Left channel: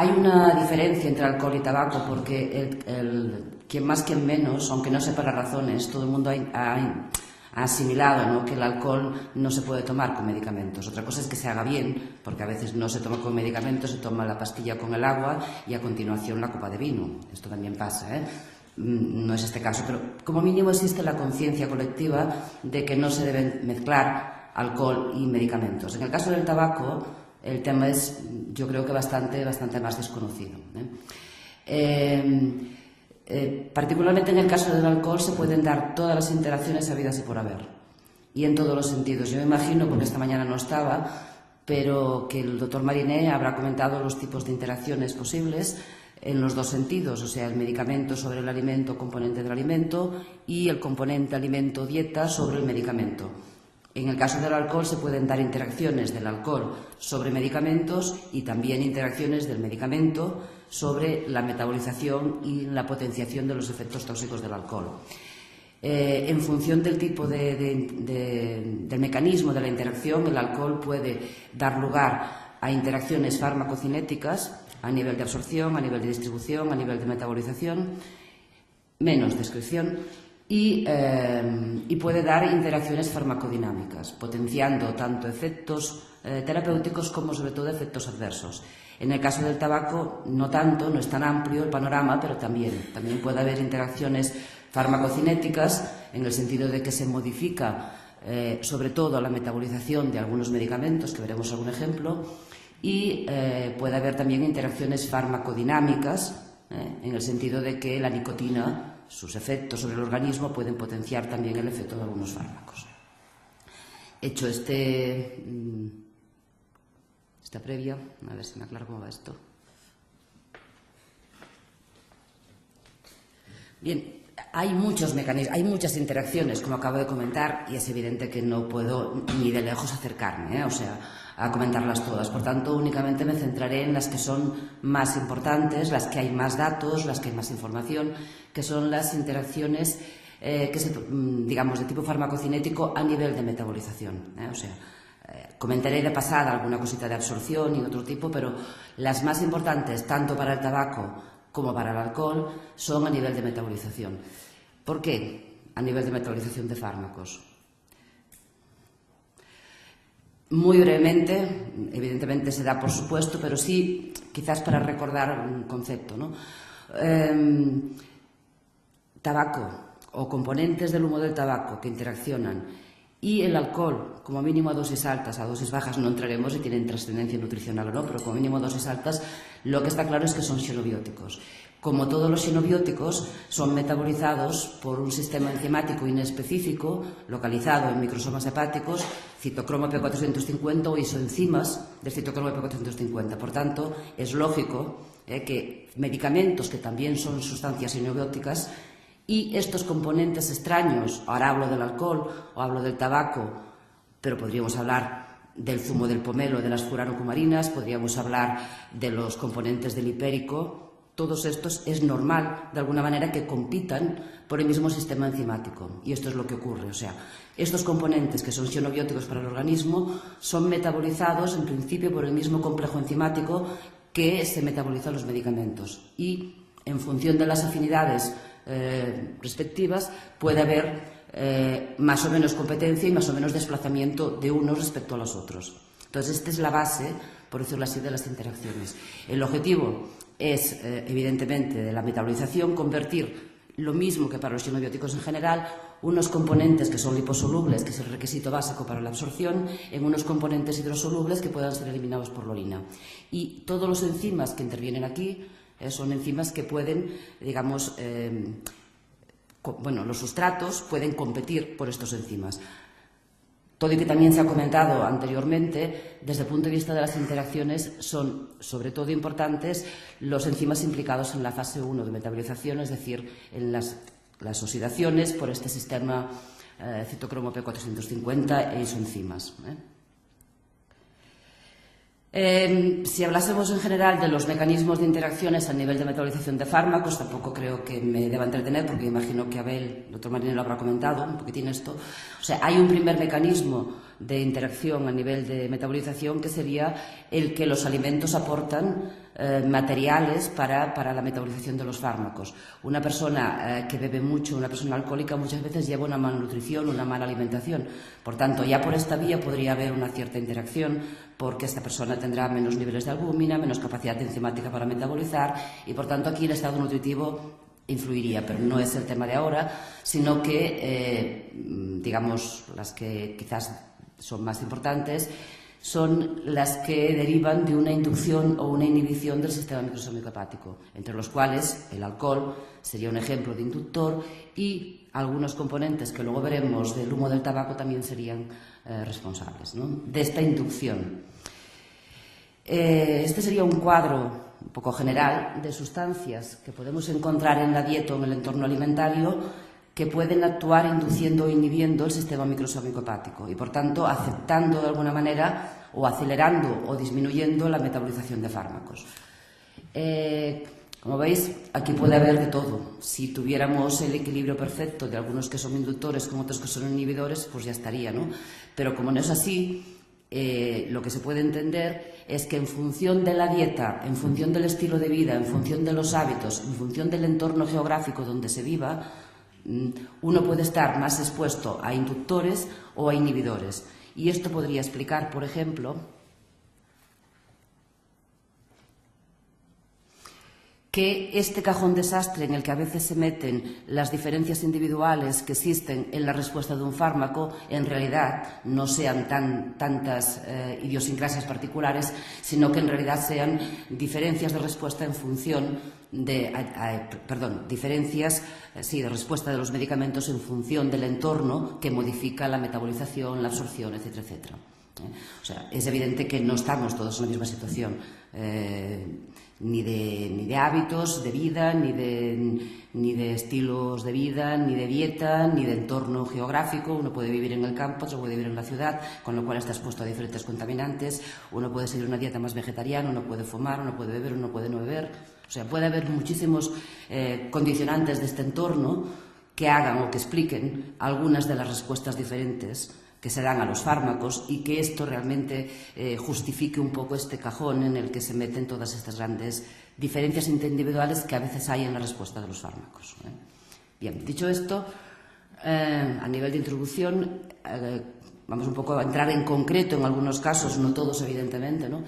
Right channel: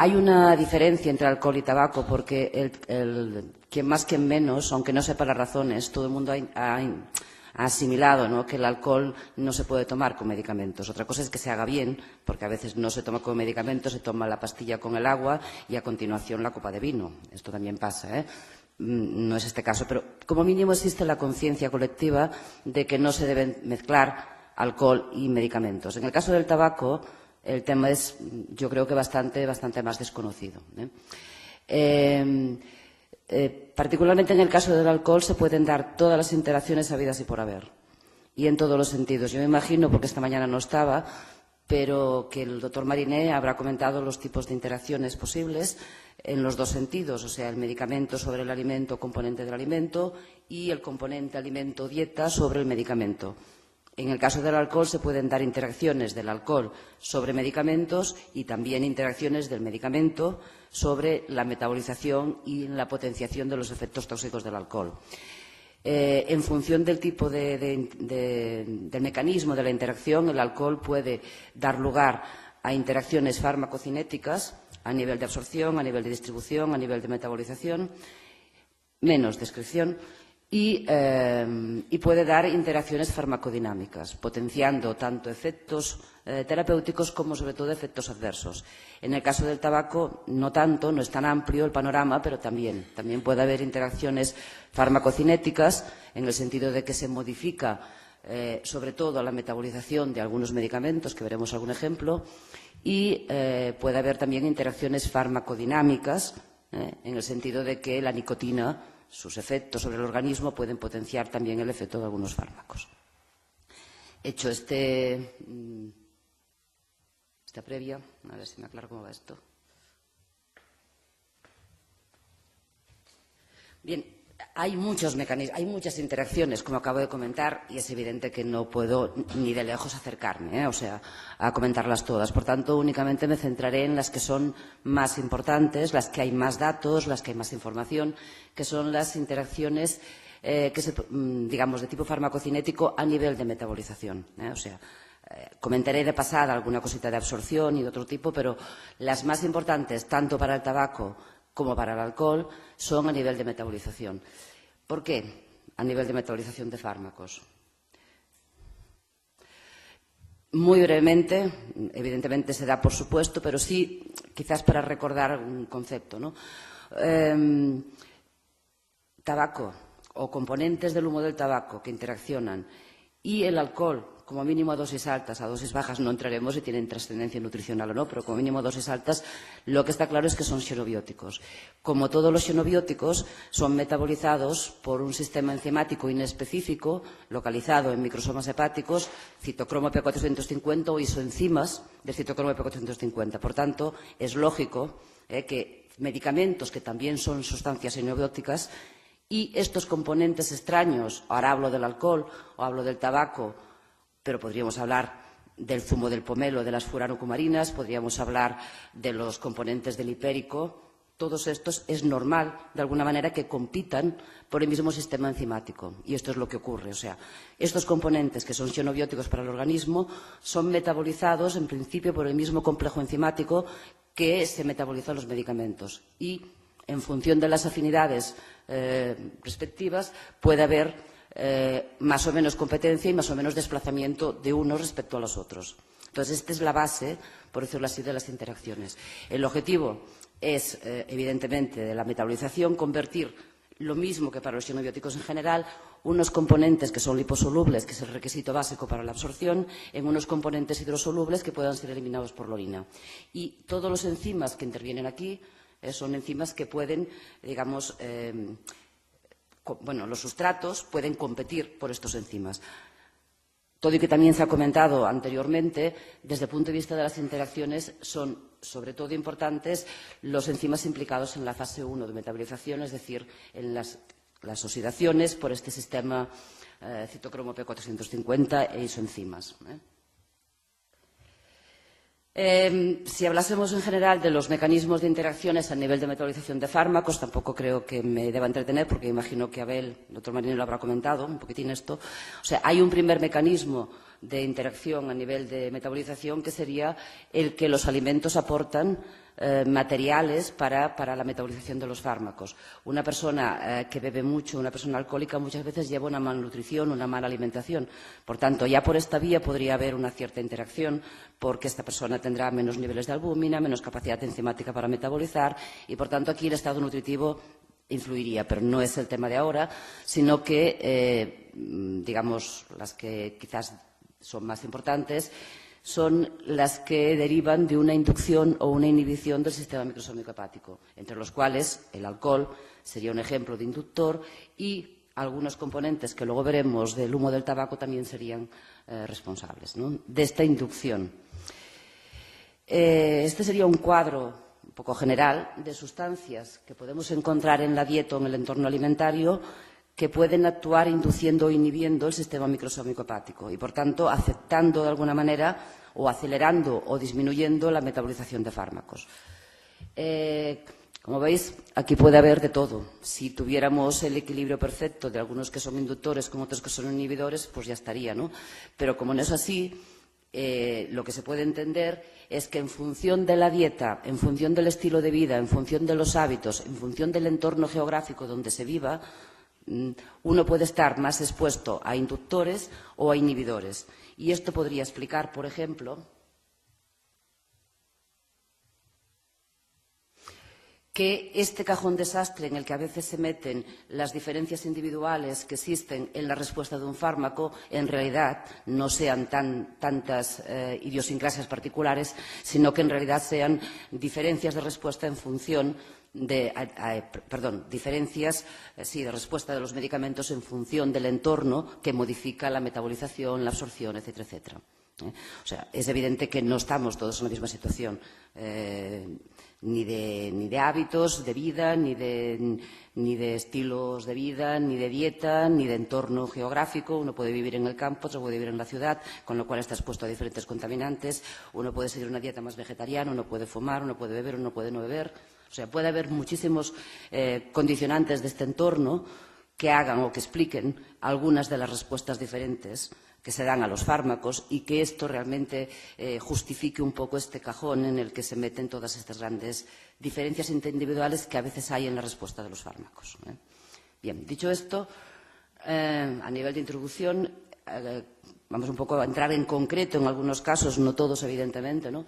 Hay una diferencia entre alcohol y tabaco porque quien más quien menos, aunque no sepa las razones, todo el mundo ha asimilado, ¿no?, que el alcohol no se puede tomar con medicamentos. Otra cosa es que se haga bien, porque a veces no se toma con medicamentos, se toma la pastilla con el agua y a continuación la copa de vino. Esto también pasa, ¿eh? No es este caso, pero como mínimo existe la conciencia colectiva de que no se deben mezclar alcohol y medicamentos. En el caso del tabaco, el tema es, yo creo que bastante más desconocido, particularmente en el caso del alcohol se pueden dar todas las interacciones habidas y por haber, y en todos los sentidos. Yo me imagino, porque esta mañana no estaba, pero que el doctor Mariné habrá comentado los tipos de interacciones posibles en los dos sentidos, o sea, el medicamento sobre el alimento, componente del alimento, y el componente alimento-dieta sobre el medicamento. En el caso del alcohol se pueden dar interacciones del alcohol sobre medicamentos y también interacciones del medicamento sobre la metabolización y la potenciación de los efectos tóxicos del alcohol. En función del tipo del mecanismo de la interacción, el alcohol puede dar lugar a interacciones farmacocinéticas a nivel de absorción, a nivel de distribución, a nivel de metabolización, menos de excreción, y puede dar interacciones farmacodinámicas, potenciando tanto efectos terapéuticos como sobre todo efectos adversos. En el caso del tabaco no tanto, no es tan amplio el panorama, pero también puede haber interacciones farmacocinéticas en el sentido de que se modifica sobre todo la metabolización de algunos medicamentos, que veremos algún ejemplo, y puede haber también interacciones farmacodinámicas en el sentido de que la nicotina, sus efectos sobre el organismo pueden potenciar también el efecto de algunos fármacos. Hecho esta previa, a ver si me aclaro cómo va esto. Bien, hay muchos mecanismos, hay muchas interacciones, como acabo de comentar, y es evidente que no puedo ni de lejos acercarme, a comentarlas todas. Por tanto, únicamente me centraré en las que son más importantes, las que hay más datos, las que hay más información, que son las interacciones digamos, de tipo farmacocinético a nivel de metabolización. Comentaré de pasada alguna cosita de absorción y de otro tipo, pero las más importantes, tanto para el tabaco como para el alcohol, son a nivel de metabolización. ¿Por qué? A nivel de metabolización de fármacos. Muy brevemente, evidentemente se da por supuesto, pero sí, quizás para recordar un concepto, ¿no? Tabaco o componentes del humo del tabaco que interaccionan y el alcohol, como mínimo a dosis altas, a dosis bajas no entraremos si tienen trascendencia nutricional o no, pero como mínimo dosis altas, lo que está claro es que son xenobióticos. Como todos los xenobióticos, son metabolizados por un sistema enzimático inespecífico, localizado en microsomas hepáticos, citocromo P450 o isoenzimas del citocromo P450. Por tanto, es lógico que medicamentos que también son sustancias xenobióticas y estos componentes extraños, ahora hablo del alcohol o hablo del tabaco, pero podríamos hablar del zumo del pomelo, de las furanocumarinas, podríamos hablar de los componentes del hipérico. Todos estos es normal, de alguna manera, que compitan por el mismo sistema enzimático. Y esto es lo que ocurre. O sea, estos componentes que son xenobióticos para el organismo son metabolizados, en principio, por el mismo complejo enzimático que se metabolizan los medicamentos. Y, en función de las afinidades respectivas, puede haber más o menos competencia y más o menos desplazamiento de unos respecto a los otros. Entonces, esta es la base, por decirlo así, de las interacciones. El objetivo es, evidentemente, de la metabolización, convertir lo mismo que para los xenobióticos en general, unos componentes que son liposolubles, que es el requisito básico para la absorción, en unos componentes hidrosolubles que puedan ser eliminados por la orina. Y todos los enzimas que intervienen aquí son enzimas que pueden, digamos, los sustratos pueden competir por estos enzimas. Todo y que también se ha comentado anteriormente, desde el punto de vista de las interacciones, son sobre todo importantes los enzimas implicados en la fase 1 de metabolización, es decir, en las oxidaciones por este sistema citocromo P450 e isoenzimas. Si hablásemos en general de los mecanismos de interacciones a nivel de metabolización de fármacos, tampoco creo que me deba entretener, porque imagino que Abel, el doctor Mariné, lo habrá comentado un poquitín esto. O sea, hay un primer mecanismo de interacción a nivel de metabolización, que sería el que los alimentos aportan materiales para la metabolización de los fármacos. Una persona que bebe mucho, una persona alcohólica, muchas veces lleva una malnutrición, una mala alimentación. Por tanto, ya por esta vía podría haber una cierta interacción, porque esta persona tendrá menos niveles de albúmina, menos capacidad enzimática para metabolizar, y por tanto aquí el estado nutritivo influiría, pero no es el tema de ahora, sino que, digamos, las que quizás son más importantes son las que derivan de una inducción o una inhibición del sistema microsómico hepático, entre los cuales el alcohol sería un ejemplo de inductor, y algunos componentes que luego veremos del humo del tabaco también serían responsables, ¿no?, de esta inducción. Este sería un cuadro un poco general de sustancias que podemos encontrar en la dieta o en el entorno alimentario que pueden actuar induciendo o inhibiendo el sistema microsómico hepático y, por tanto, afectando de alguna manera o acelerando o disminuyendo la metabolización de fármacos. Como veis, aquí puede haber de todo. Si tuviéramos el equilibrio perfecto de algunos que son inductores con otros que son inhibidores, pues ya estaría, ¿no? Pero como no es así, lo que se puede entender es que en función de la dieta, en función del estilo de vida, en función de los hábitos, en función del entorno geográfico donde se viva, uno puede estar más expuesto a inductores o a inhibidores. Y esto podría explicar, por ejemplo, que este cajón desastre en el que a veces se meten las diferencias individuales que existen en la respuesta de un fármaco en realidad no sean tantas idiosincrasias particulares, sino que en realidad sean diferencias de respuesta en función de respuesta de los medicamentos en función del entorno que modifica la metabolización, la absorción, etcétera, etcétera. O sea, es evidente que no estamos todos en la misma situación. Ni de hábitos de vida, ni de estilos de vida, ni de dieta, ni de entorno geográfico. Uno puede vivir en el campo, otro puede vivir en la ciudad, con lo cual está expuesto a diferentes contaminantes. Uno puede seguir una dieta más vegetariana, uno puede fumar, uno puede beber, uno puede no beber. O sea, puede haber muchísimos condicionantes de este entorno que hagan o que expliquen algunas de las respuestas diferentes que se dan a los fármacos, y que esto realmente justifique un poco este cajón en el que se meten todas estas grandes diferencias individuales que a veces hay en la respuesta de los fármacos. Bien, dicho esto, a nivel de introducción, vamos un poco a entrar en concreto en algunos casos, no todos evidentemente, ¿no?,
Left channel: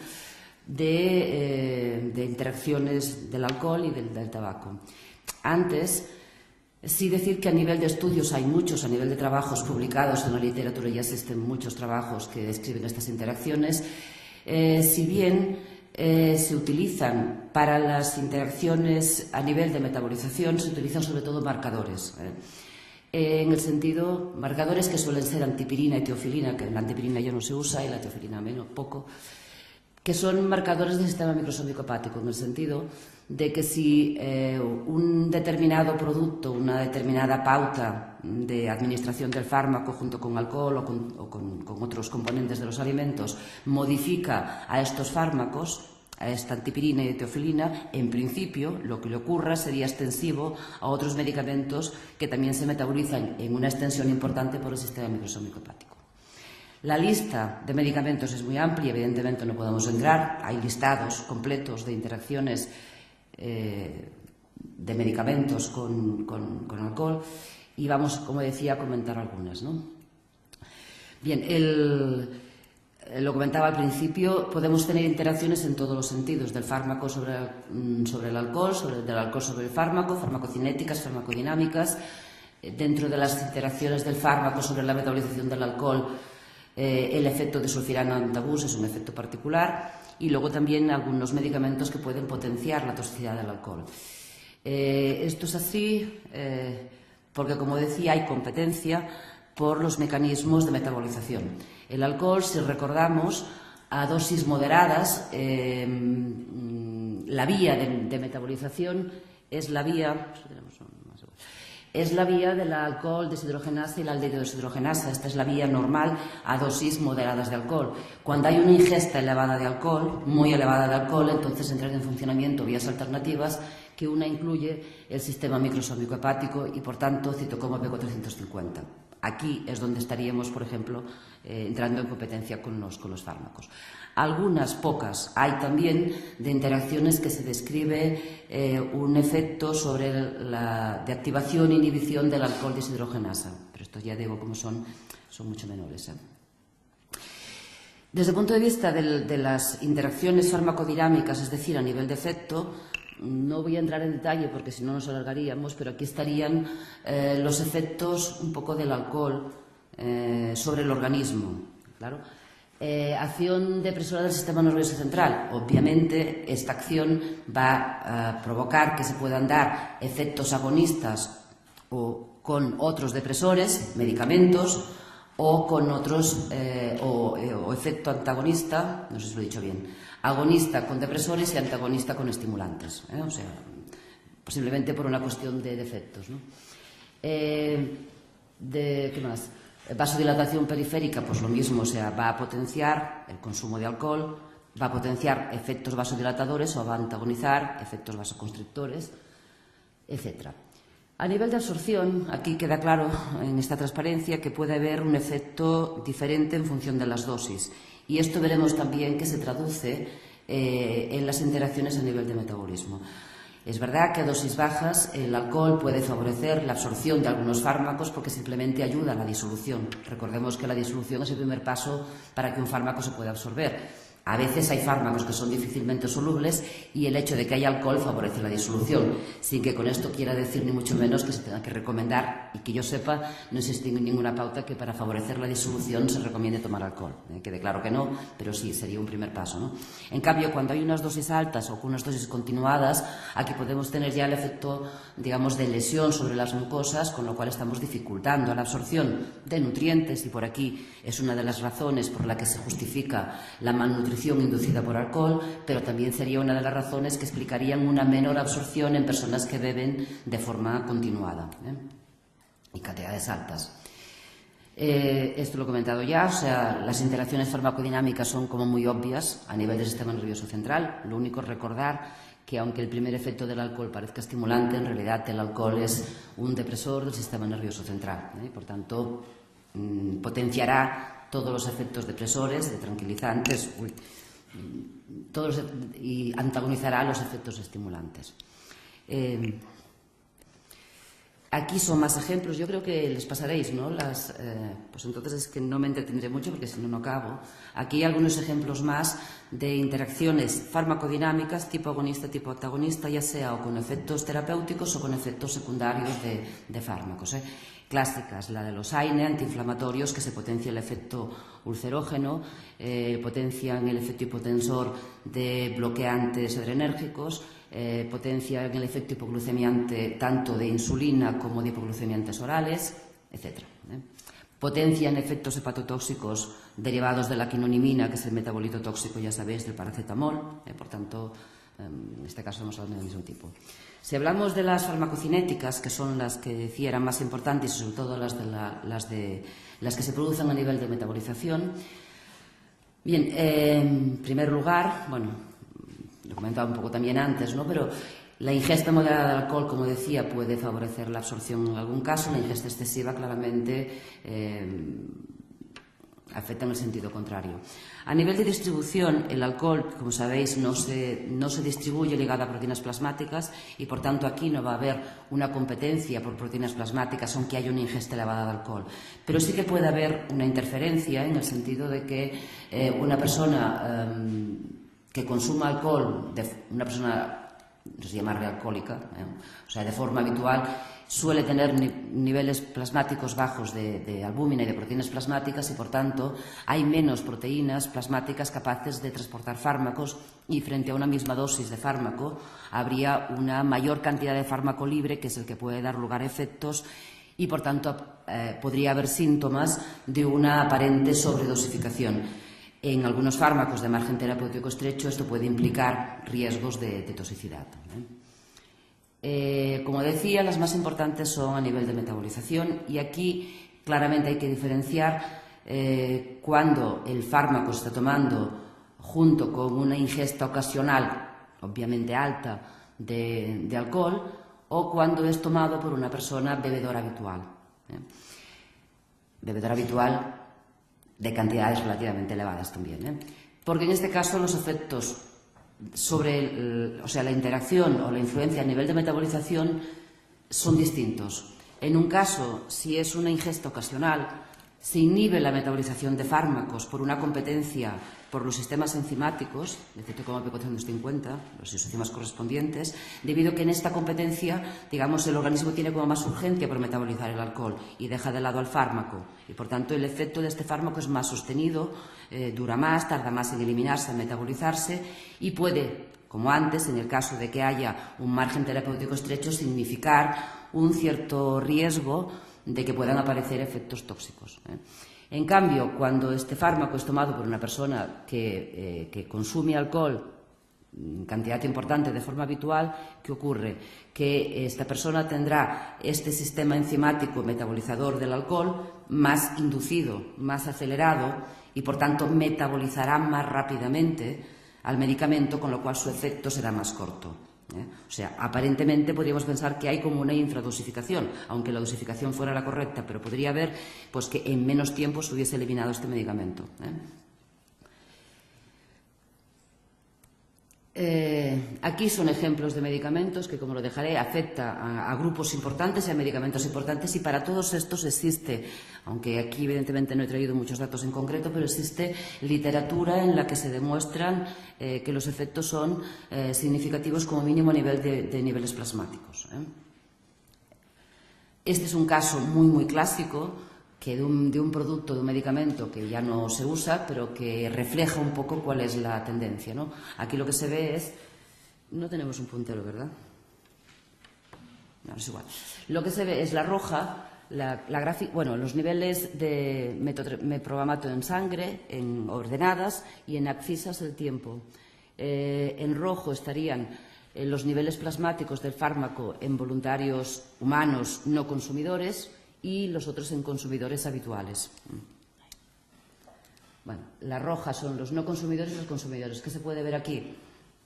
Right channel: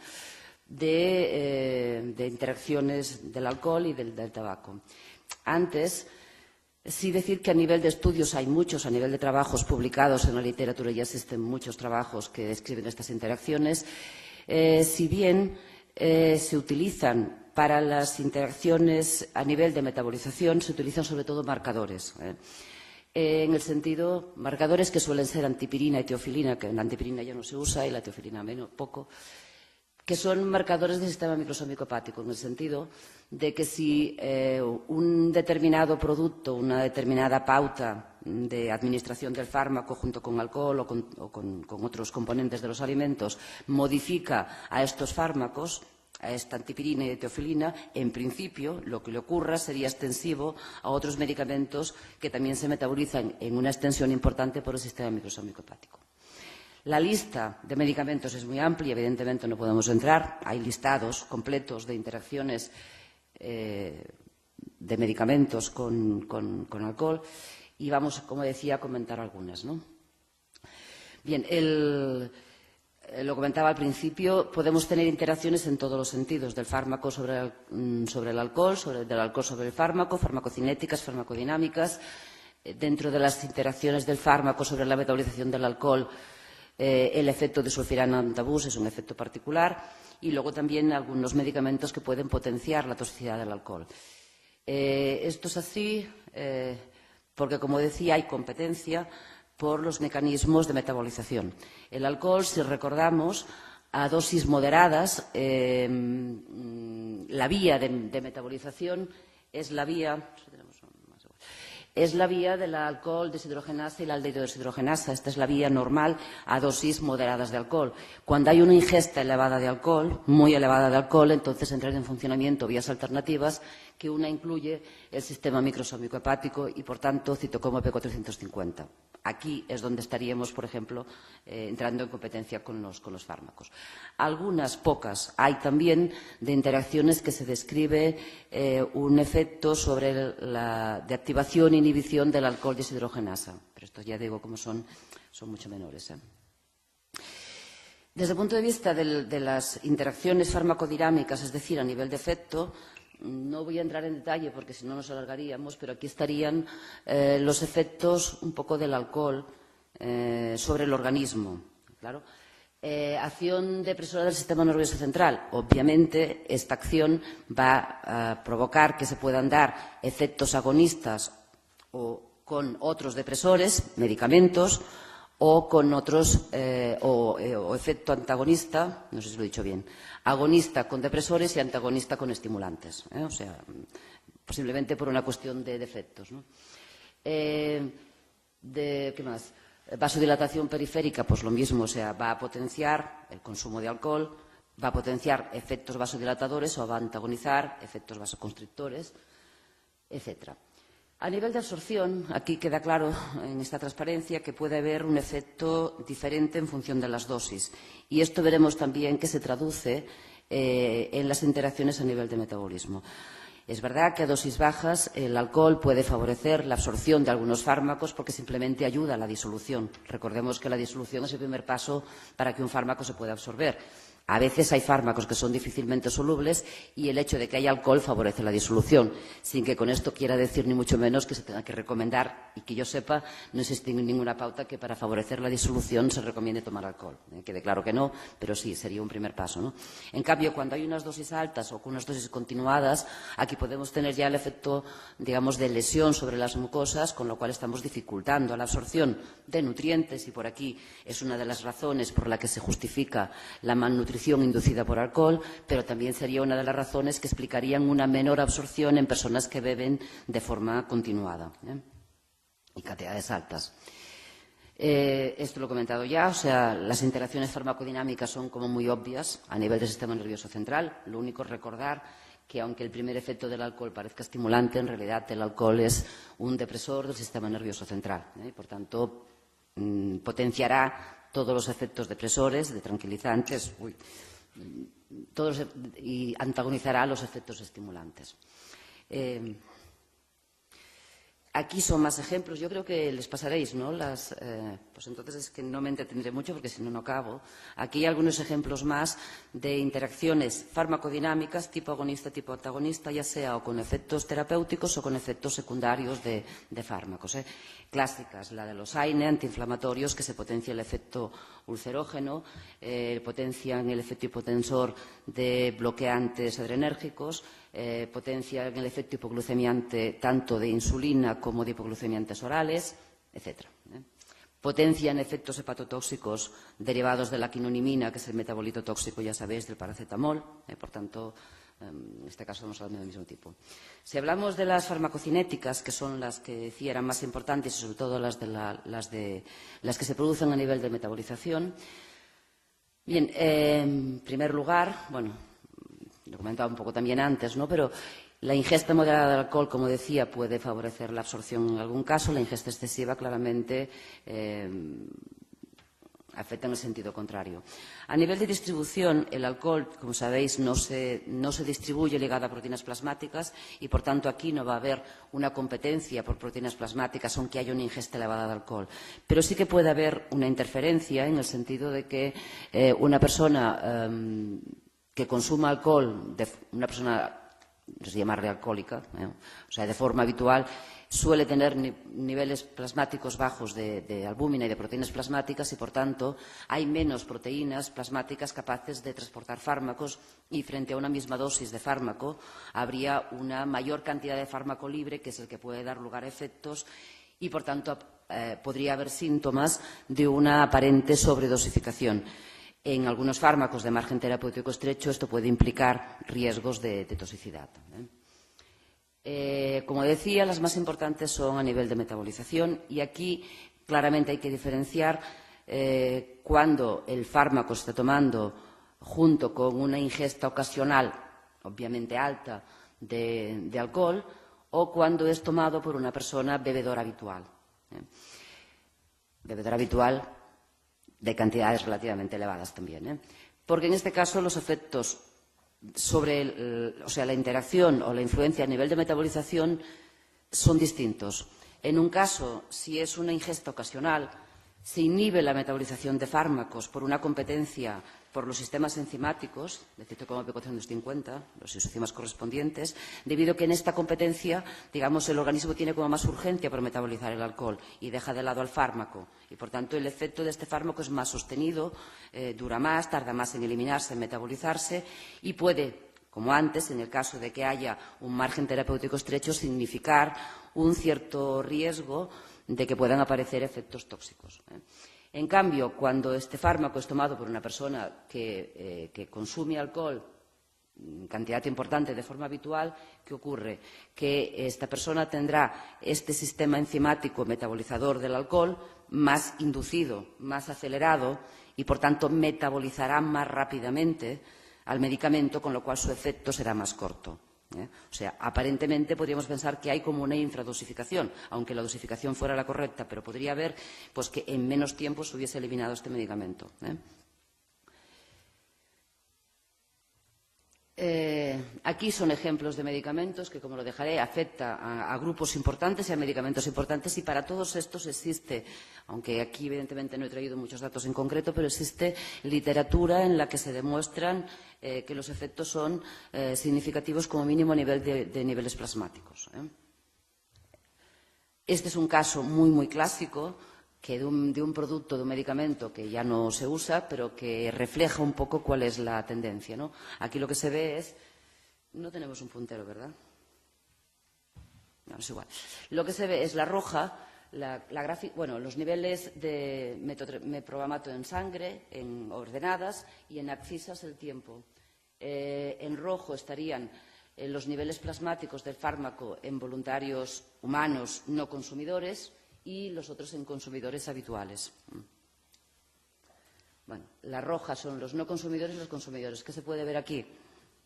de interacciones del alcohol y del tabaco. Antes, sí decir que a nivel de estudios hay muchos, a nivel de trabajos publicados en la literatura ya existen muchos trabajos que describen estas interacciones, si bien se utilizan para las interacciones a nivel de metabolización, se utilizan sobre todo marcadores. En el sentido, marcadores que suelen ser antipirina y teofilina, que la antipirina ya no se usa y la teofilina menos, poco, que son marcadores del sistema microsómico hepático, en el sentido de que si un determinado producto, una determinada pauta de administración del fármaco junto con alcohol o con otros componentes de los alimentos modifica a estos fármacos, a esta antipirina y teofilina, en principio lo que le ocurra sería extensivo a otros medicamentos que también se metabolizan en una extensión importante por el sistema microsómico hepático. La lista de medicamentos es muy amplia, evidentemente no podemos entrar, hay listados completos de interacciones de medicamentos con alcohol, y vamos, como decía, a comentar algunas, ¿no? Bien, lo comentaba al principio, podemos tener interacciones en todos los sentidos, del fármaco sobre el alcohol, del alcohol sobre el fármaco, farmacocinéticas, farmacodinámicas. Dentro de las interacciones del fármaco sobre la metabolización del alcohol, el efecto de sulfirano antabús es un efecto particular, y luego también algunos medicamentos que pueden potenciar la toxicidad del alcohol. Esto es así porque, como decía, hay competencia por los mecanismos de metabolización. El alcohol, si recordamos, a dosis moderadas, la vía de metabolización es la vía de la alcohol deshidrogenasa y la aldehído deshidrogenasa. Esta es la vía normal a dosis moderadas de alcohol. Cuando hay una ingesta elevada de alcohol, muy elevada de alcohol, entonces entran en funcionamiento vías alternativas, que una incluye el sistema microsómico hepático y, por tanto, citocromo P450. Aquí es donde estaríamos, por ejemplo, entrando en competencia con los fármacos. Algunas, pocas, hay también de interacciones que se describe un efecto sobre de activación e inhibición del alcohol deshidrogenasa, pero estos ya digo como son mucho menores. Desde el punto de vista de las interacciones farmacodinámicas, es decir, a nivel de efecto, no voy a entrar en detalle porque si no nos alargaríamos, pero aquí estarían los efectos un poco del alcohol sobre el organismo. Claro. Acción depresora del sistema nervioso central. Obviamente, esta acción va a provocar que se puedan dar efectos agonistas o con otros depresores, medicamentos, o con otros, o efecto antagonista, no sé si lo he dicho bien, agonista con depresores y antagonista con estimulantes, o sea, posiblemente por una cuestión de efectos, ¿no? ¿Qué más? Vasodilatación periférica, pues lo mismo, o sea, va a potenciar el consumo de alcohol, va a potenciar efectos vasodilatadores o va a antagonizar efectos vasoconstrictores, etc. A nivel de absorción, aquí queda claro en esta transparencia que puede haber un efecto diferente en función de las dosis. Y esto veremos también que se traduce en las interacciones a nivel de metabolismo. Es verdad que a dosis bajas el alcohol puede favorecer la absorción de algunos fármacos porque simplemente ayuda a la disolución. Recordemos que la disolución es el primer paso para que un fármaco se pueda absorber. A veces hay fármacos que son difícilmente solubles y el hecho de que haya alcohol favorece la disolución, sin que con esto quiera decir ni mucho menos que se tenga que recomendar, y que yo sepa, no existe ninguna pauta que para favorecer la disolución se recomiende tomar alcohol. Quede claro que no, pero sí, sería un primer paso, ¿no? En cambio, cuando hay unas dosis altas o unas dosis continuadas, aquí podemos tener ya el efecto, digamos, de lesión sobre las mucosas, con lo cual estamos dificultando la absorción de nutrientes, y por aquí es una de las razones por la que se justifica la malnutrición inducida por alcohol, pero también sería una de las razones que explicarían una menor absorción en personas que beben de forma continuada y cantidades altas. Esto lo he comentado ya, o sea, las interacciones farmacodinámicas son como muy obvias a nivel del sistema nervioso central. Lo único es recordar que aunque el primer efecto del alcohol parezca estimulante, en realidad el alcohol es un depresor del sistema nervioso central. Por tanto, potenciará todos los efectos depresores, de tranquilizantes, y antagonizará los efectos estimulantes. Aquí son más ejemplos, yo creo que les pasaréis, ¿no? Pues entonces es que no me entretendré mucho porque si no, no acabo. Aquí hay algunos ejemplos más de interacciones farmacodinámicas tipo agonista, tipo antagonista, ya sea o con efectos terapéuticos o con efectos secundarios de fármacos. Clásicas, la de los AINE, antiinflamatorios, que se potencia el efecto ulcerógeno, potencian el efecto hipotensor de bloqueantes adrenérgicos, potencian el efecto hipoglucemiante tanto de insulina como de hipoglucemiantes orales, etc. Potencian efectos hepatotóxicos derivados de la quinonimina, que es el metabolito tóxico, ya sabéis, del paracetamol, por tanto, en este caso no son del mismo tipo. Si hablamos de las farmacocinéticas, que son las que decía eran más importantes, y sobre todo las que se producen a nivel de metabolización, bien, en primer lugar, bueno, lo comentaba un poco también antes, ¿no? Pero la ingesta moderada de alcohol, como decía, puede favorecer la absorción en algún caso. La ingesta excesiva claramente afecta en el sentido contrario. A nivel de distribución, el alcohol, como sabéis, no se distribuye ligado a proteínas plasmáticas y, por tanto, aquí no va a haber una competencia por proteínas plasmáticas, aunque haya una ingesta elevada de alcohol. Pero sí que puede haber una interferencia en el sentido de que una persona que consuma alcohol, una persona, se llama alcohólica, o sea, de forma habitual, suele tener niveles plasmáticos bajos de albúmina y de proteínas plasmáticas y, por tanto, hay menos proteínas plasmáticas capaces de transportar fármacos y frente a una misma dosis de fármaco habría una mayor cantidad de fármaco libre, que es el que puede dar lugar a efectos y, por tanto, podría haber síntomas de una aparente sobredosificación. En algunos fármacos de margen terapéutico estrecho esto puede implicar riesgos de toxicidad. Como decía, las más importantes son a nivel de metabolización y aquí claramente hay que diferenciar cuando el fármaco se está tomando junto con una ingesta ocasional, obviamente alta, de alcohol, o cuando es tomado por una persona bebedora habitual. bebedor habitual de cantidades relativamente elevadas también, ¿eh? Porque en este caso los efectos sobre la interacción o la influencia a nivel de metabolización son distintos. En un caso, si es una ingesta ocasional, se inhibe la metabolización de fármacos por una competencia por los sistemas enzimáticos, de CYP450, los isoncimas correspondientes, debido a que en esta competencia, digamos, el organismo tiene como más urgencia por metabolizar el alcohol y deja de lado al fármaco. Y, por tanto, el efecto de este fármaco es más sostenido, dura más, tarda más en eliminarse, en metabolizarse y puede, como antes, en el caso de que haya un margen terapéutico estrecho, significar un cierto riesgo de que puedan aparecer efectos tóxicos, ¿eh? En cambio, cuando este fármaco es tomado por una persona que consume alcohol en cantidad importante de forma habitual, ¿qué ocurre? Que esta persona tendrá este sistema enzimático metabolizador del alcohol más inducido, más acelerado y, por tanto, metabolizará más rápidamente al medicamento, con lo cual su efecto será más corto, ¿eh? O sea, aparentemente podríamos pensar que hay como una infradosificación, aunque la dosificación fuera la correcta, pero podría haber pues que en menos tiempo se hubiese eliminado este medicamento, ¿eh? Aquí son ejemplos de medicamentos que, como lo dejaré, afecta a grupos importantes y a medicamentos importantes, y para todos estos existe, aunque aquí evidentemente no he traído muchos datos en concreto, pero existe literatura en la que se demuestran que los efectos son significativos como mínimo a nivel de niveles plasmáticos, ¿eh? Este es un caso muy clásico que de un producto, de un medicamento que ya no se usa, pero que refleja un poco cuál es la tendencia, ¿no? Aquí lo que se ve es... No tenemos un puntero, ¿verdad? No, es igual. Lo que se ve es la roja, los niveles de meprobamato en sangre, en ordenadas, y en abscisas el tiempo. En rojo estarían los niveles plasmáticos del fármaco en voluntarios humanos no consumidores, y los otros en consumidores habituales. Bueno, la roja son los no consumidores y los consumidores. ¿Qué se puede ver aquí?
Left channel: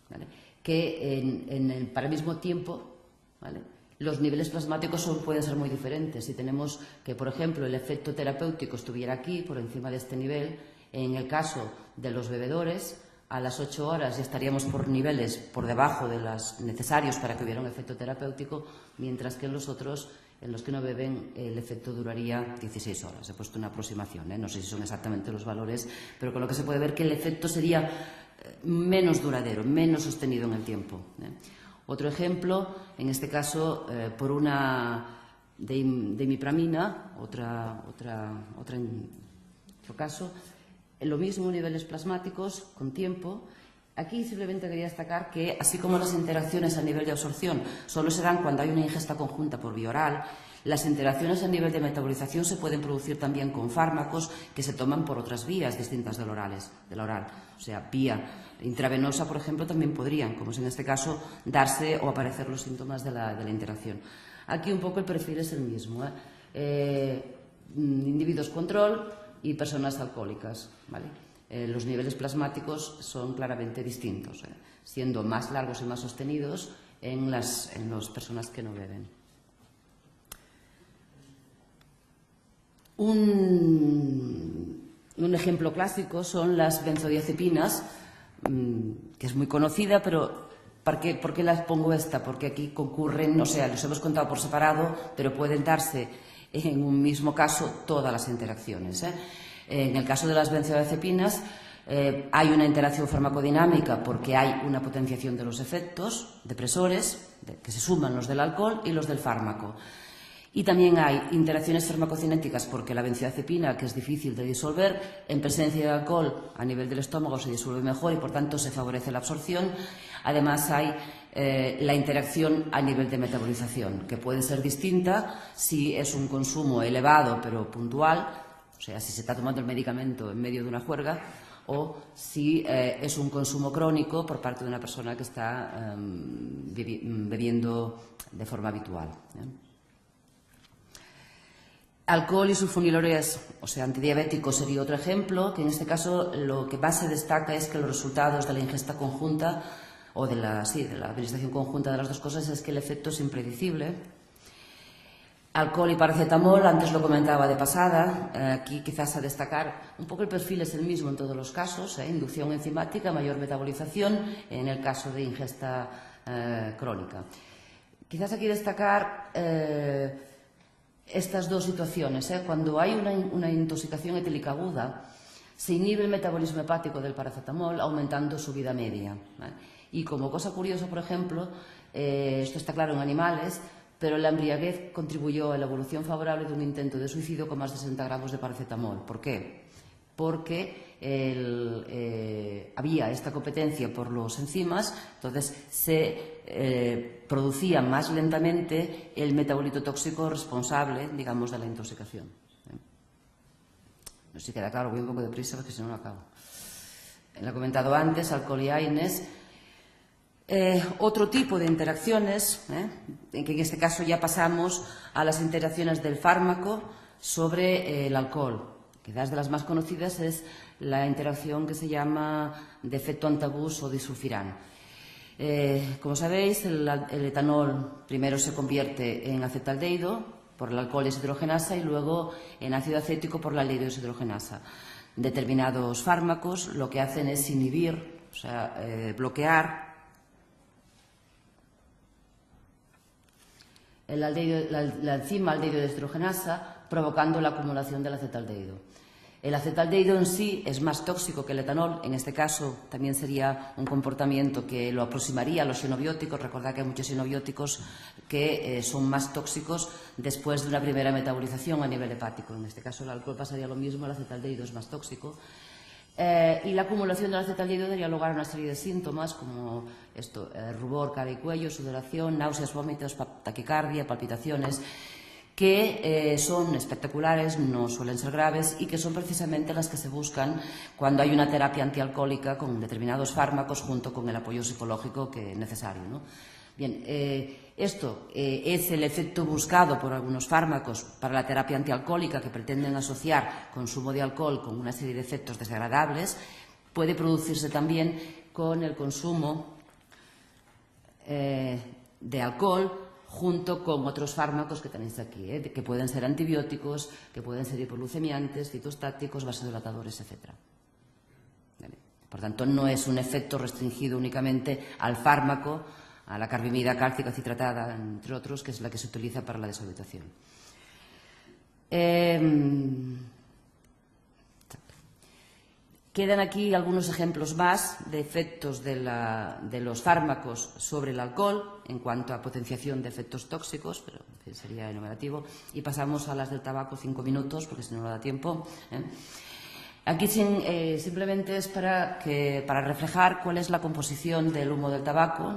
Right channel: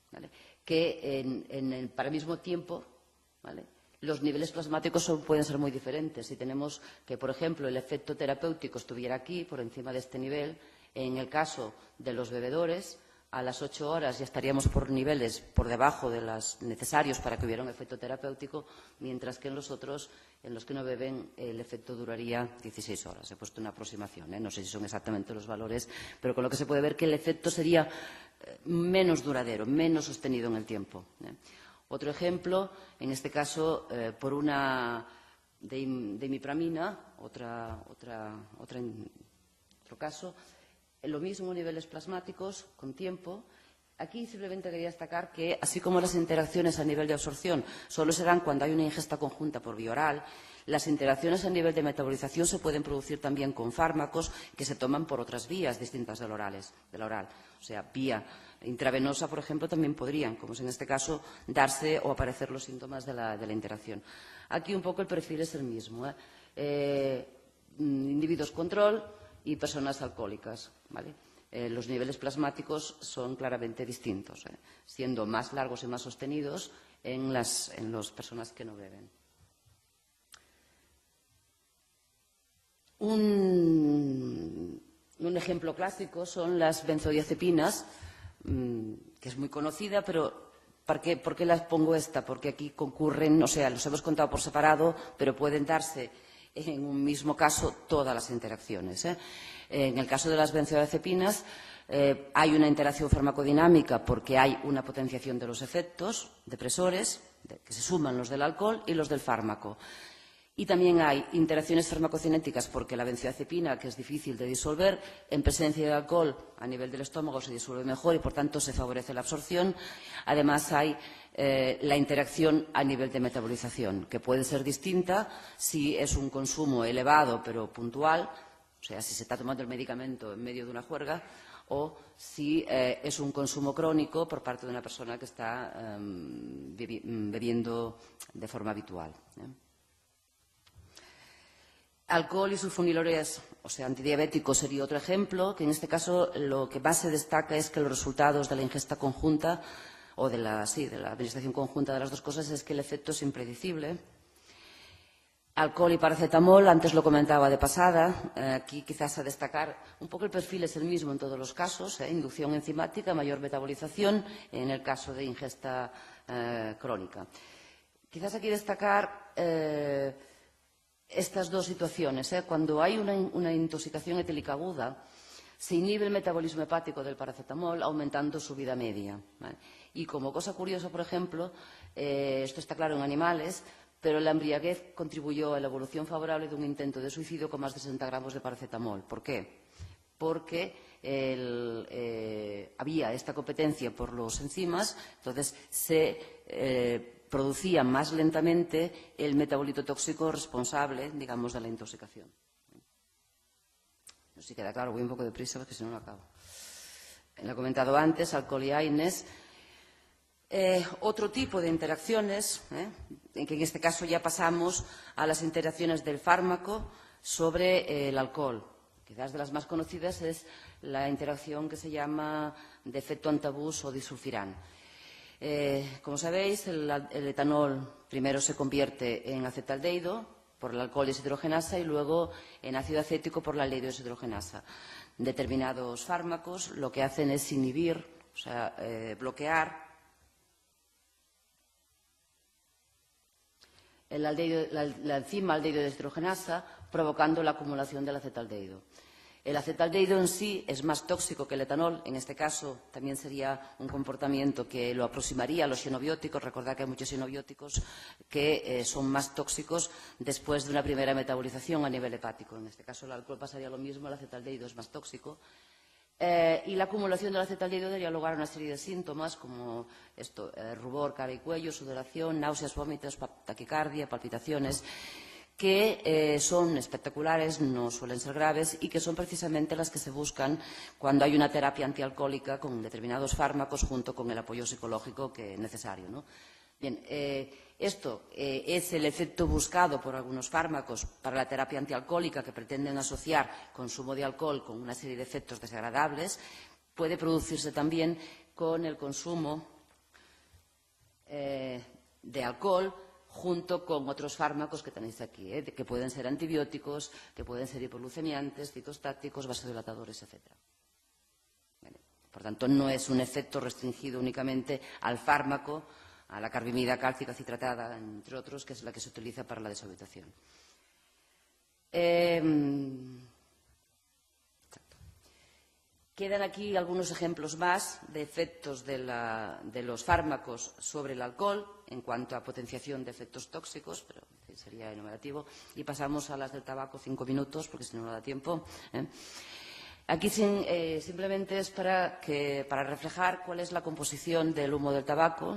¿Vale? Que para el mismo tiempo, ¿vale?, los niveles plasmáticos pueden ser muy diferentes. Si tenemos que, por ejemplo, el efecto terapéutico estuviera aquí, por encima de este nivel, en el caso de los bebedores, a las 8 horas ya estaríamos por niveles por debajo de los necesarios para que hubiera un efecto terapéutico, mientras que en los otros, en los que no beben, el efecto duraría 16 horas. He puesto una aproximación, ¿eh? No sé si son exactamente los valores, pero con lo que se puede ver que el efecto sería menos duradero, menos sostenido en el tiempo, ¿eh? Otro ejemplo, en este caso, por una imipramina, otro caso, lo mismo, niveles plasmáticos con tiempo. Aquí simplemente quería destacar que, así como las interacciones a nivel de absorción solo se dan cuando hay una ingesta conjunta por vía oral, las interacciones a nivel de metabolización se pueden producir también con fármacos que se toman por otras vías distintas del oral. O sea, vía intravenosa, por ejemplo, también podrían, como es en este caso, darse o aparecer los síntomas de la interacción. Aquí un poco el perfil es el mismo, ¿eh? Individuos control y personas alcohólicas, ¿vale? Los niveles plasmáticos son claramente distintos, siendo más largos y más sostenidos en las personas que no beben. Un ejemplo clásico son las benzodiazepinas, que es muy conocida, pero ¿por qué las pongo esta? Porque aquí concurren, o sea, los hemos contado por separado, pero pueden darse en un mismo caso todas las interacciones, ¿eh? En el caso de las benzodiazepinas hay una interacción farmacodinámica porque hay una potenciación de los efectos depresores, que se suman los del alcohol y los del fármaco. Y también hay interacciones farmacocinéticas porque la benzodiazepina, que es difícil de disolver, en presencia de alcohol a nivel del estómago se disuelve mejor y por tanto se favorece la absorción. Además hay la interacción a nivel de metabolización, que puede ser distinta si es un consumo elevado pero puntual, o sea, si se está tomando el medicamento en medio de una juerga, o si es un consumo crónico por parte de una persona que está bebiendo de forma habitual, ¿eh? Alcohol y sulfonilureas, o sea, antidiabético sería otro ejemplo, que en este caso lo que más se destaca es que los resultados de la ingesta conjunta o de la administración conjunta de las dos cosas es que el efecto es impredecible. Alcohol y paracetamol, antes lo comentaba de pasada, aquí quizás a destacar un poco el perfil es el mismo en todos los casos, inducción enzimática, mayor metabolización en el caso de ingesta crónica. Quizás aquí destacar estas dos situaciones. Cuando hay una intoxicación etílica aguda, se inhibe el metabolismo hepático del paracetamol aumentando su vida media. Y como cosa curiosa, por ejemplo, esto está claro en animales, pero la embriaguez contribuyó a la evolución favorable de un intento de suicidio con más de 60 gramos de paracetamol. ¿Por qué? Porque había esta competencia por los enzimas, entonces se producía más lentamente el metabolito tóxico responsable, digamos, de la intoxicación. No sé si queda claro, voy un poco deprisa porque si no, no acabo. Lo he comentado antes, alcohol y AINES. Otro tipo de interacciones, en que en este caso ya pasamos a las interacciones del fármaco sobre el alcohol. Quizás de las más conocidas es la interacción que se llama de efecto antabús o disulfirán. Como sabéis, el etanol primero se convierte en acetaldehído por el alcohol deshidrogenasa y luego en ácido acético por la aldehído deshidrogenasa. Determinados fármacos lo que hacen es inhibir, o sea, bloquear la enzima aldehído deshidrogenasa, provocando la acumulación del acetaldehído. El acetaldehído en sí es más tóxico que el etanol. En este caso también sería un comportamiento que lo aproximaría a los xenobióticos. Recordad que hay muchos xenobióticos que son más tóxicos después de una primera metabolización a nivel hepático. En este caso el alcohol pasaría lo mismo, el acetaldehído es más tóxico. Y la acumulación del acetaldehído daría lugar a una serie de síntomas como esto, rubor, cara y cuello, sudoración, náuseas, vómitos, taquicardia, palpitaciones, que son espectaculares, no suelen ser graves y que son precisamente las que se buscan cuando hay una terapia antialcohólica con determinados fármacos junto con el apoyo psicológico que es necesario, ¿no? Bien, esto es el efecto buscado por algunos fármacos para la terapia antialcohólica que pretenden asociar consumo de alcohol con una serie de efectos desagradables. Puede producirse también con el consumo de alcohol junto con otros fármacos que tenéis aquí, que pueden ser antibióticos, que pueden ser hipoglucemiantes, citostáticos, vasodilatadores, etc. Por tanto, no es un efecto restringido únicamente al fármaco, a la carbimida cálcica citratada, entre otros, que es la que se utiliza para la desorbitación. Quedan aquí algunos ejemplos más de efectos de los fármacos sobre el alcohol en cuanto a potenciación de efectos tóxicos, pero en fin, sería enumerativo. Y pasamos a las del tabaco, 5 minutos, porque si no da tiempo. Aquí simplemente es para reflejar cuál es la composición del humo del tabaco,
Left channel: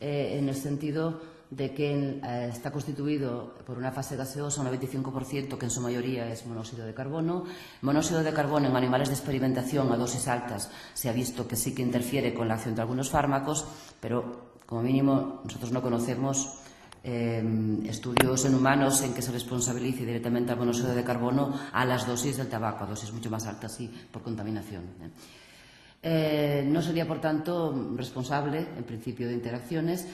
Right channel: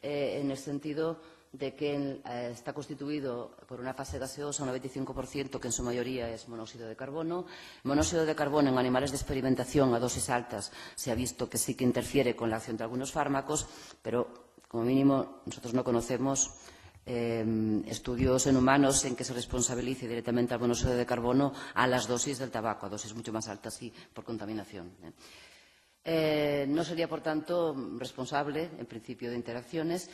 en el sentido de que está constituido por una fase gaseosa, un 95%, que en su mayoría es monóxido de carbono. Monóxido de carbono en animales de experimentación a dosis altas se ha visto que sí que interfiere con la acción de algunos fármacos, pero como mínimo nosotros no conocemos estudios en humanos en que se responsabilice directamente al monóxido de carbono a las dosis del tabaco, a dosis mucho más altas y por contaminación. No sería, por tanto, responsable el principio de interacciones.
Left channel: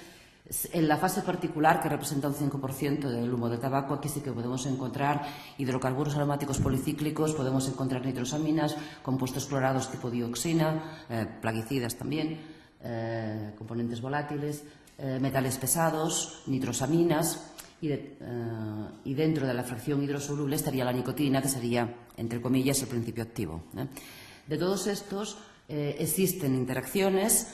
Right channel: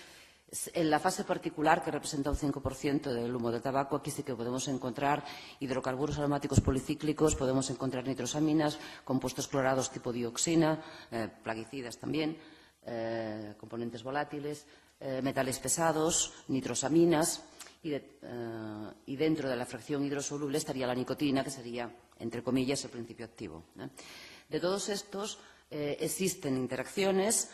En la fase particular, que representa un 5% del humo de tabaco, aquí sí que podemos encontrar hidrocarburos aromáticos policíclicos, podemos encontrar nitrosaminas, compuestos clorados tipo dioxina, plaguicidas también, componentes volátiles, metales pesados, nitrosaminas, y dentro de la fracción hidrosoluble estaría la nicotina, que sería, entre comillas, el principio activo. De todos estos existen interacciones,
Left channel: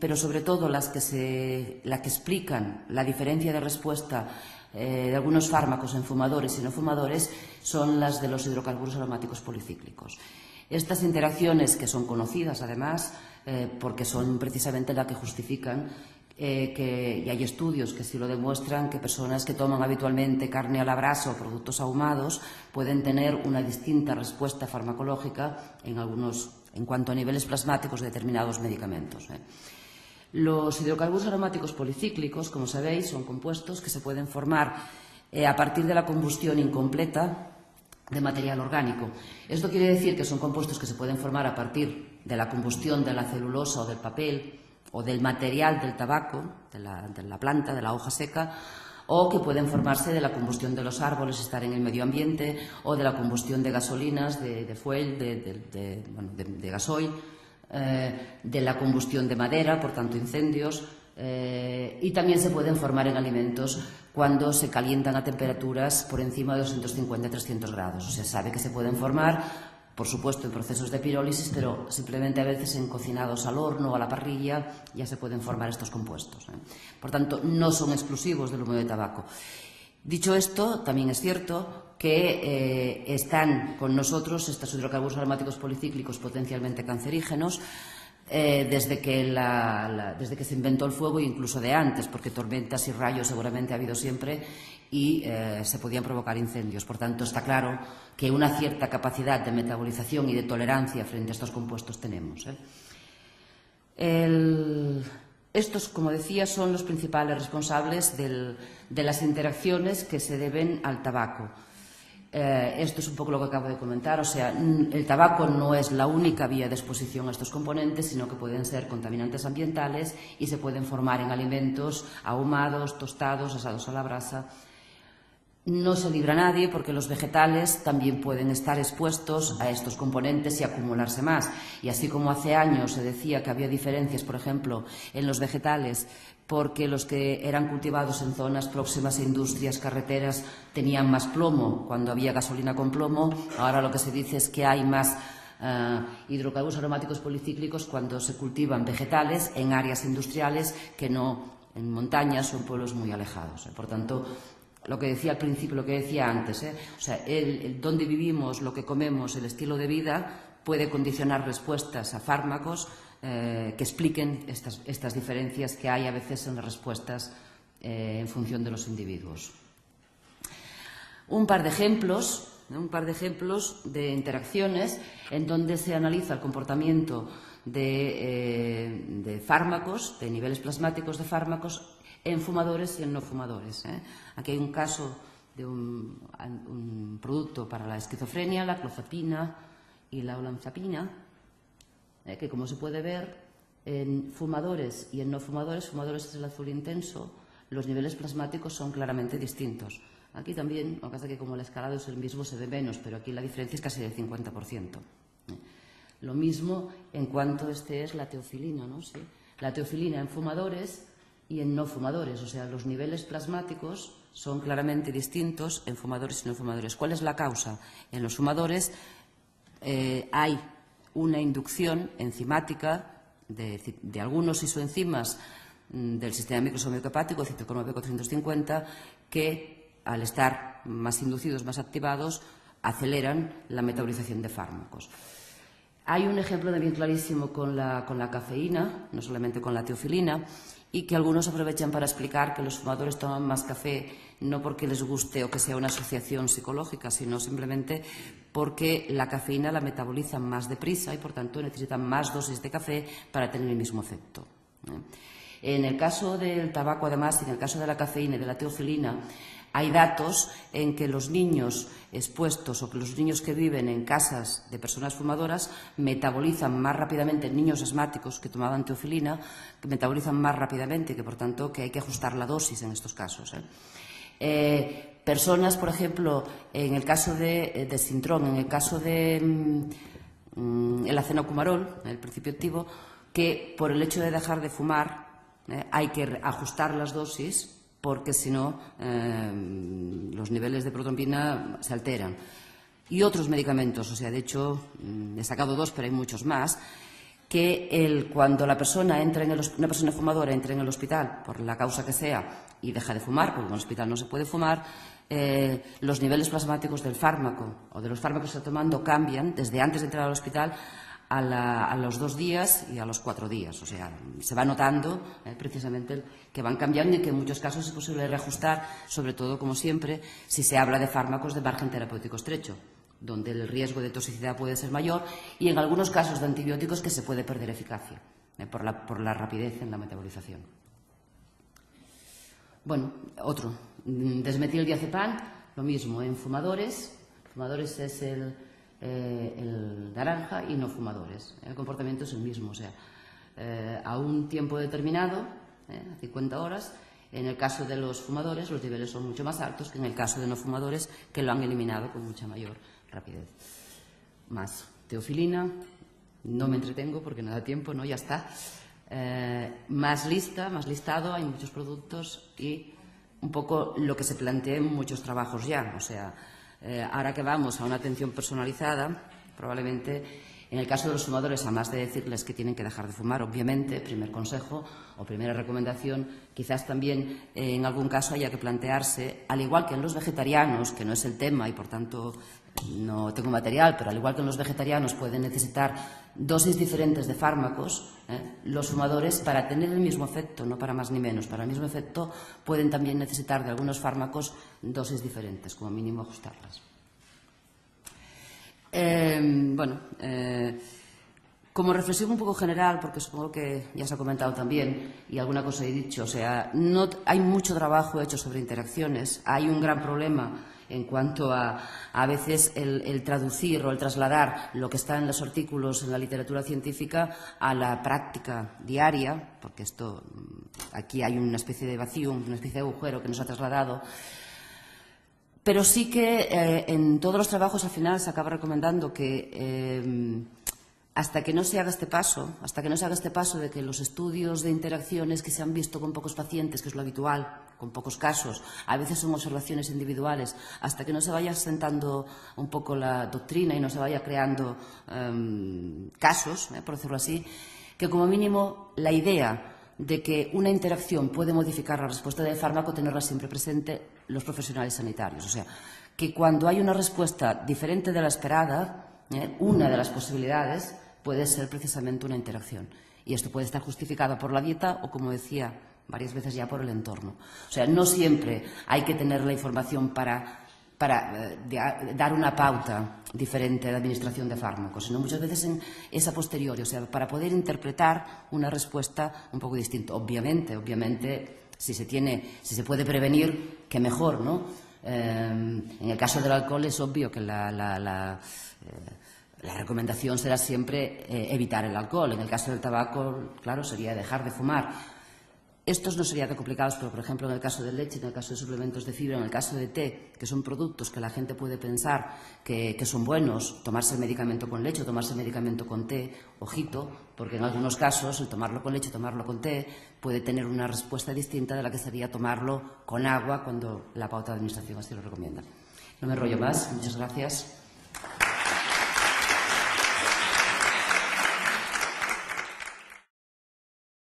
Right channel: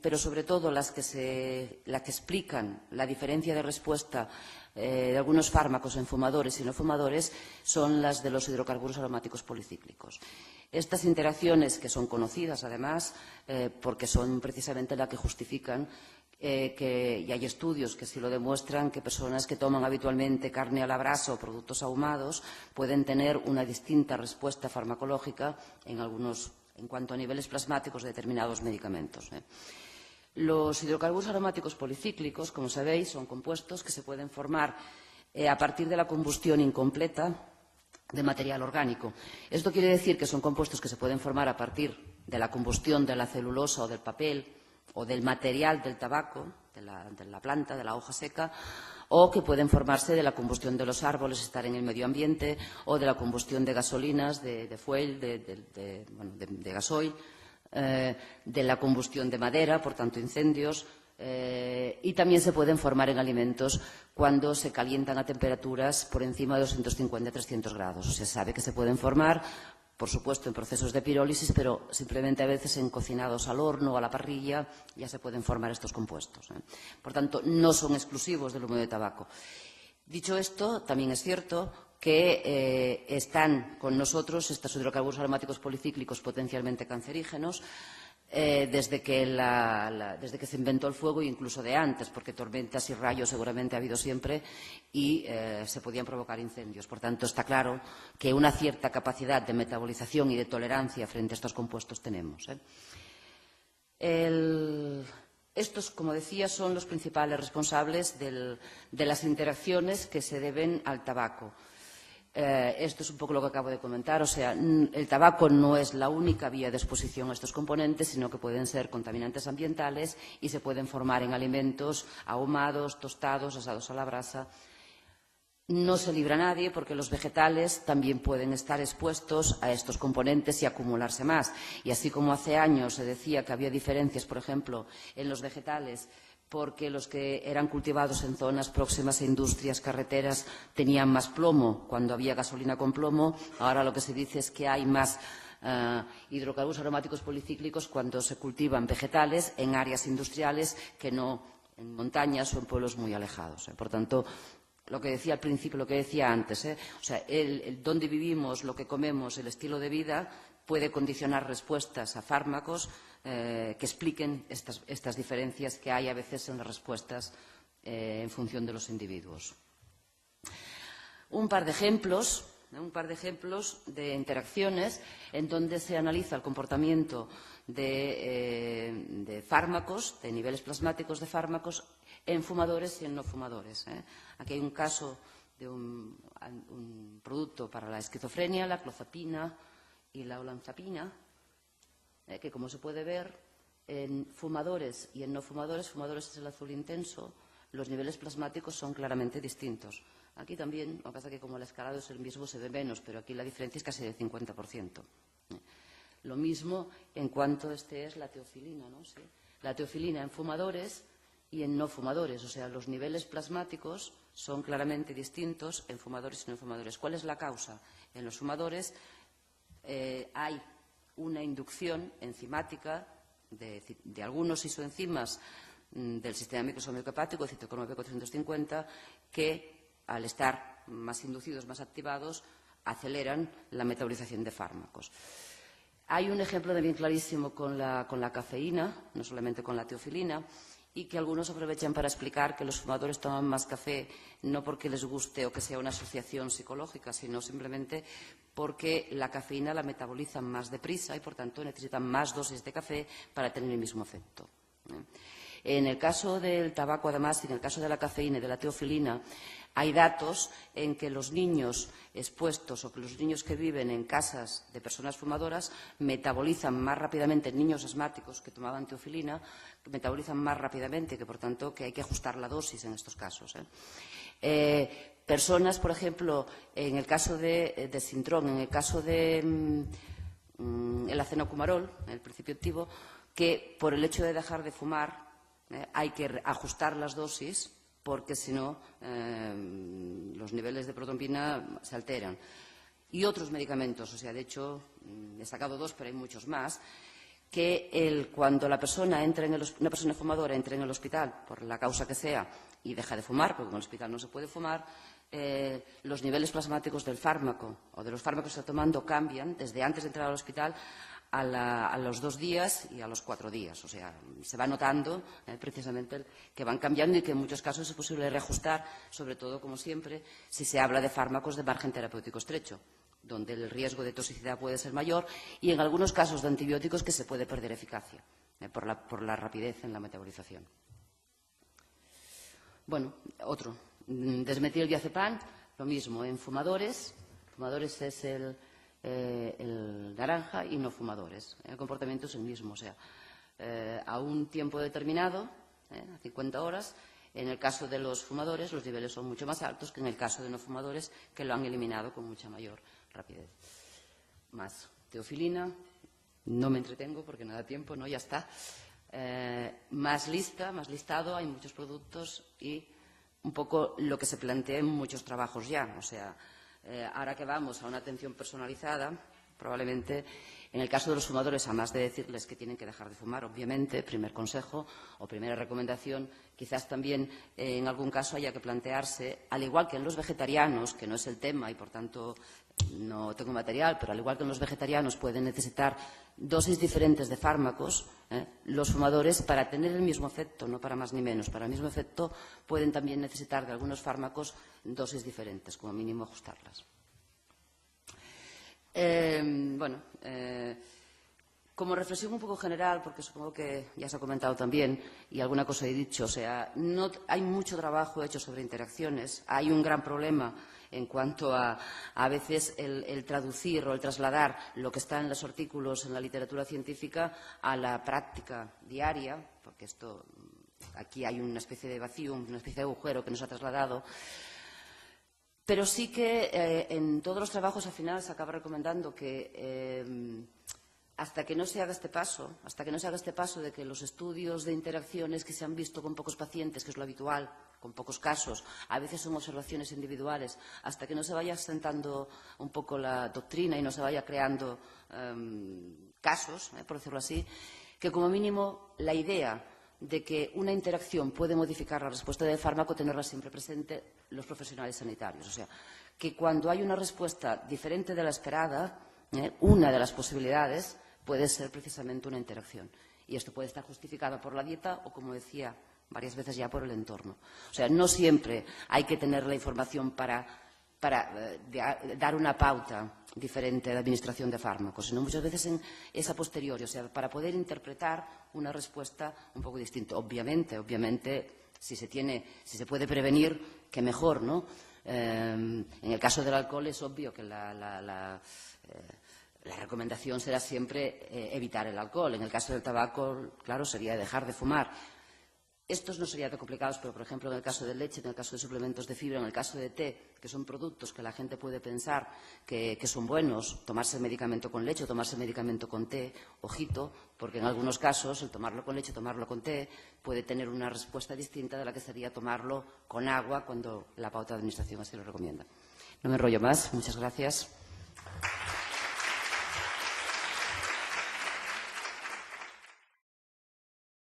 pero sobre todo las que explican la diferencia de respuesta de algunos fármacos en fumadores y no fumadores son las de los hidrocarburos aromáticos policíclicos. Estas interacciones, que son conocidas además, porque son precisamente las que justifican y hay estudios que sí lo demuestran, que personas que toman habitualmente carne a la brasa o productos ahumados pueden tener una distinta respuesta farmacológica en cuanto a niveles plasmáticos de determinados medicamentos. Los hidrocarburos aromáticos policíclicos, como sabéis, son compuestos que se pueden formar a partir de la combustión incompleta de material orgánico. Esto quiere decir que son compuestos que se pueden formar a partir de la combustión de la celulosa o del papel o del material del tabaco, de la planta, de la hoja seca, o que pueden formarse de la combustión de los árboles, estar en el medio ambiente, o de la combustión de gasolinas, de fuel, de gasoil, de la combustión de madera, por tanto incendios, y también se pueden formar en alimentos cuando se calientan a temperaturas por encima de 250-300 grados. O sea, sabe que se pueden formar, por supuesto, en procesos de pirólisis, pero simplemente a veces en cocinados al horno o a la parrilla ya se pueden formar estos compuestos. Por tanto, no son exclusivos del humo de tabaco. Dicho esto, también es cierto que están con nosotros estos hidrocarburos aromáticos policíclicos potencialmente cancerígenos desde que se inventó el fuego e incluso de antes, porque tormentas y rayos seguramente ha habido siempre y se podían provocar incendios. Por tanto, está claro que una cierta capacidad de metabolización y de tolerancia frente a estos compuestos tenemos. Estos, como decía, son los principales responsables de las interacciones que se deben al tabaco. Esto es un poco lo que acabo de comentar, o sea, el tabaco no es la única vía de exposición a estos componentes, sino que pueden ser contaminantes ambientales y se pueden formar en alimentos ahumados, tostados, asados a la brasa. No se libra a nadie porque los vegetales también pueden estar expuestos a estos componentes y acumularse más. Y así como hace años se decía que había diferencias, por ejemplo, en los vegetales, porque los que eran cultivados en zonas próximas a industrias, carreteras, tenían más plomo cuando había gasolina con plomo. Ahora lo que se dice es que hay más hidrocarburos aromáticos policíclicos cuando se cultivan vegetales en áreas industriales que no en montañas o en pueblos muy alejados. Por tanto, lo que decía al principio, lo que decía antes, o sea, el dónde vivimos, lo que comemos, el estilo de vida puede condicionar respuestas a fármacos que expliquen estas diferencias que hay a veces en las respuestas en función de los individuos. Un par de ejemplos de interacciones en donde se analiza el comportamiento de fármacos, de niveles plasmáticos de fármacos en fumadores y en no fumadores. Aquí hay un caso de un producto para la esquizofrenia, la clozapina y la olanzapina, que como se puede ver, en fumadores y en no fumadores, fumadores es el azul intenso, los niveles plasmáticos son claramente distintos. Aquí también, lo que pasa es que como el escalado es el mismo se ve menos, pero aquí la diferencia es casi del 50%. Lo mismo en cuanto es la teofilina, ¿no? Sí. La teofilina en fumadores y en no fumadores, o sea, los niveles plasmáticos son claramente distintos en fumadores y no fumadores. ¿Cuál es la causa? En los fumadores hay una inducción enzimática de algunos isoenzimas del sistema microsomático hepático, citocromo B450, que al estar más inducidos, más activados, aceleran la metabolización de fármacos. Hay un ejemplo de bien clarísimo con la cafeína, no solamente con la teofilina, y que algunos aprovechan para explicar que los fumadores toman más café no porque les guste o que sea una asociación psicológica, sino simplemente porque la cafeína la metabolizan más deprisa y por tanto necesitan más dosis de café para tener el mismo efecto. En el caso del tabaco, además, en el caso de la cafeína y de la teofilina, hay datos en que los niños expuestos o que los niños que viven en casas de personas fumadoras metabolizan más rápidamente, niños asmáticos que tomaban teofilina, que metabolizan más rápidamente, que por tanto que hay que ajustar la dosis en estos casos. Personas, por ejemplo, en el caso de Sintrón, en el caso de el acenocumarol, el principio activo, que por el hecho de dejar de fumar hay que ajustar las dosis porque si no los niveles de protrombina se alteran. Y otros medicamentos, o sea, de hecho he sacado dos, pero hay muchos más, que cuando una persona fumadora entra en el hospital por la causa que sea y deja de fumar, porque en el hospital no se puede fumar, los niveles plasmáticos del fármaco o de los fármacos que está tomando cambian desde antes de entrar al hospital a los 2 días y a los 4 días. O sea, se va notando precisamente que van cambiando y que en muchos casos es posible reajustar, sobre todo, como siempre, si se habla de fármacos de margen terapéutico estrecho, donde el riesgo de toxicidad puede ser mayor y en algunos casos de antibióticos que se puede perder eficacia por la rapidez en la metabolización. Bueno, otro, desmetildiazepam, lo mismo, en fumadores es el naranja y no fumadores. El comportamiento es el mismo, o sea, a un tiempo determinado, 50 horas, En el caso de los fumadores, los niveles son mucho más altos que en el caso de no fumadores, que lo han eliminado con mucha mayor rapidez. Más teofilina, no me entretengo porque no da tiempo, ¿no? Ya está. Más lista, más listado, hay muchos productos y un poco lo que se plantea en muchos trabajos ya. O sea, ahora que vamos a una atención personalizada, probablemente en el caso de los fumadores, además de decirles que tienen que dejar de fumar, obviamente, primer consejo o primera recomendación, quizás también en algún caso haya que plantearse, al igual que en los vegetarianos, que no es el tema y por tanto no tengo material, pero al igual que en los vegetarianos pueden necesitar dosis diferentes de fármacos, los fumadores, para tener el mismo efecto, no para más ni menos, para el mismo efecto, pueden también necesitar de algunos fármacos dosis diferentes, como mínimo ajustarlas. Como reflexión un poco general, porque supongo que ya se ha comentado también y alguna cosa he dicho, o sea, no, hay mucho trabajo hecho sobre interacciones, hay un gran problema en cuanto a veces el traducir o el trasladar lo que está en los artículos en la literatura científica a la práctica diaria, porque esto, aquí hay una especie de vacío, una especie de agujero que nos ha trasladado. Pero sí que en todos los trabajos al final se acaba recomendando que hasta que no se haga este paso, de que los estudios de interacciones que se han visto con pocos pacientes, que es lo habitual, con pocos casos, a veces son observaciones individuales, hasta que no se vaya asentando un poco la doctrina y no se vaya creando casos, por decirlo así, que como mínimo la idea de que una interacción puede modificar la respuesta del fármaco, tenerla siempre presente los profesionales sanitarios. O sea, que cuando hay una respuesta diferente de la esperada, una de las posibilidades puede ser precisamente una interacción. Y esto puede estar justificado por la dieta o, como decía varias veces ya, por el entorno. O sea, no siempre hay que tener la información para dar una pauta diferente de administración de fármacos, sino muchas veces es a posteriori, o sea, para poder interpretar una respuesta un poco distinta. Obviamente, si se puede prevenir, que mejor, ¿no? En el caso del alcohol es obvio que la recomendación será siempre evitar el alcohol. En el caso del tabaco, claro, sería dejar de fumar. Estos no serían tan complicados, pero por ejemplo en el caso de leche, en el caso de suplementos de fibra, en el caso de té, que son productos que la gente puede pensar que son buenos, tomarse el medicamento con leche o tomarse el medicamento con té, ojito, porque en algunos casos el tomarlo con leche, tomarlo con té, puede tener una respuesta distinta de la que sería tomarlo con agua cuando la pauta de administración así lo recomienda. No me enrollo más, muchas gracias.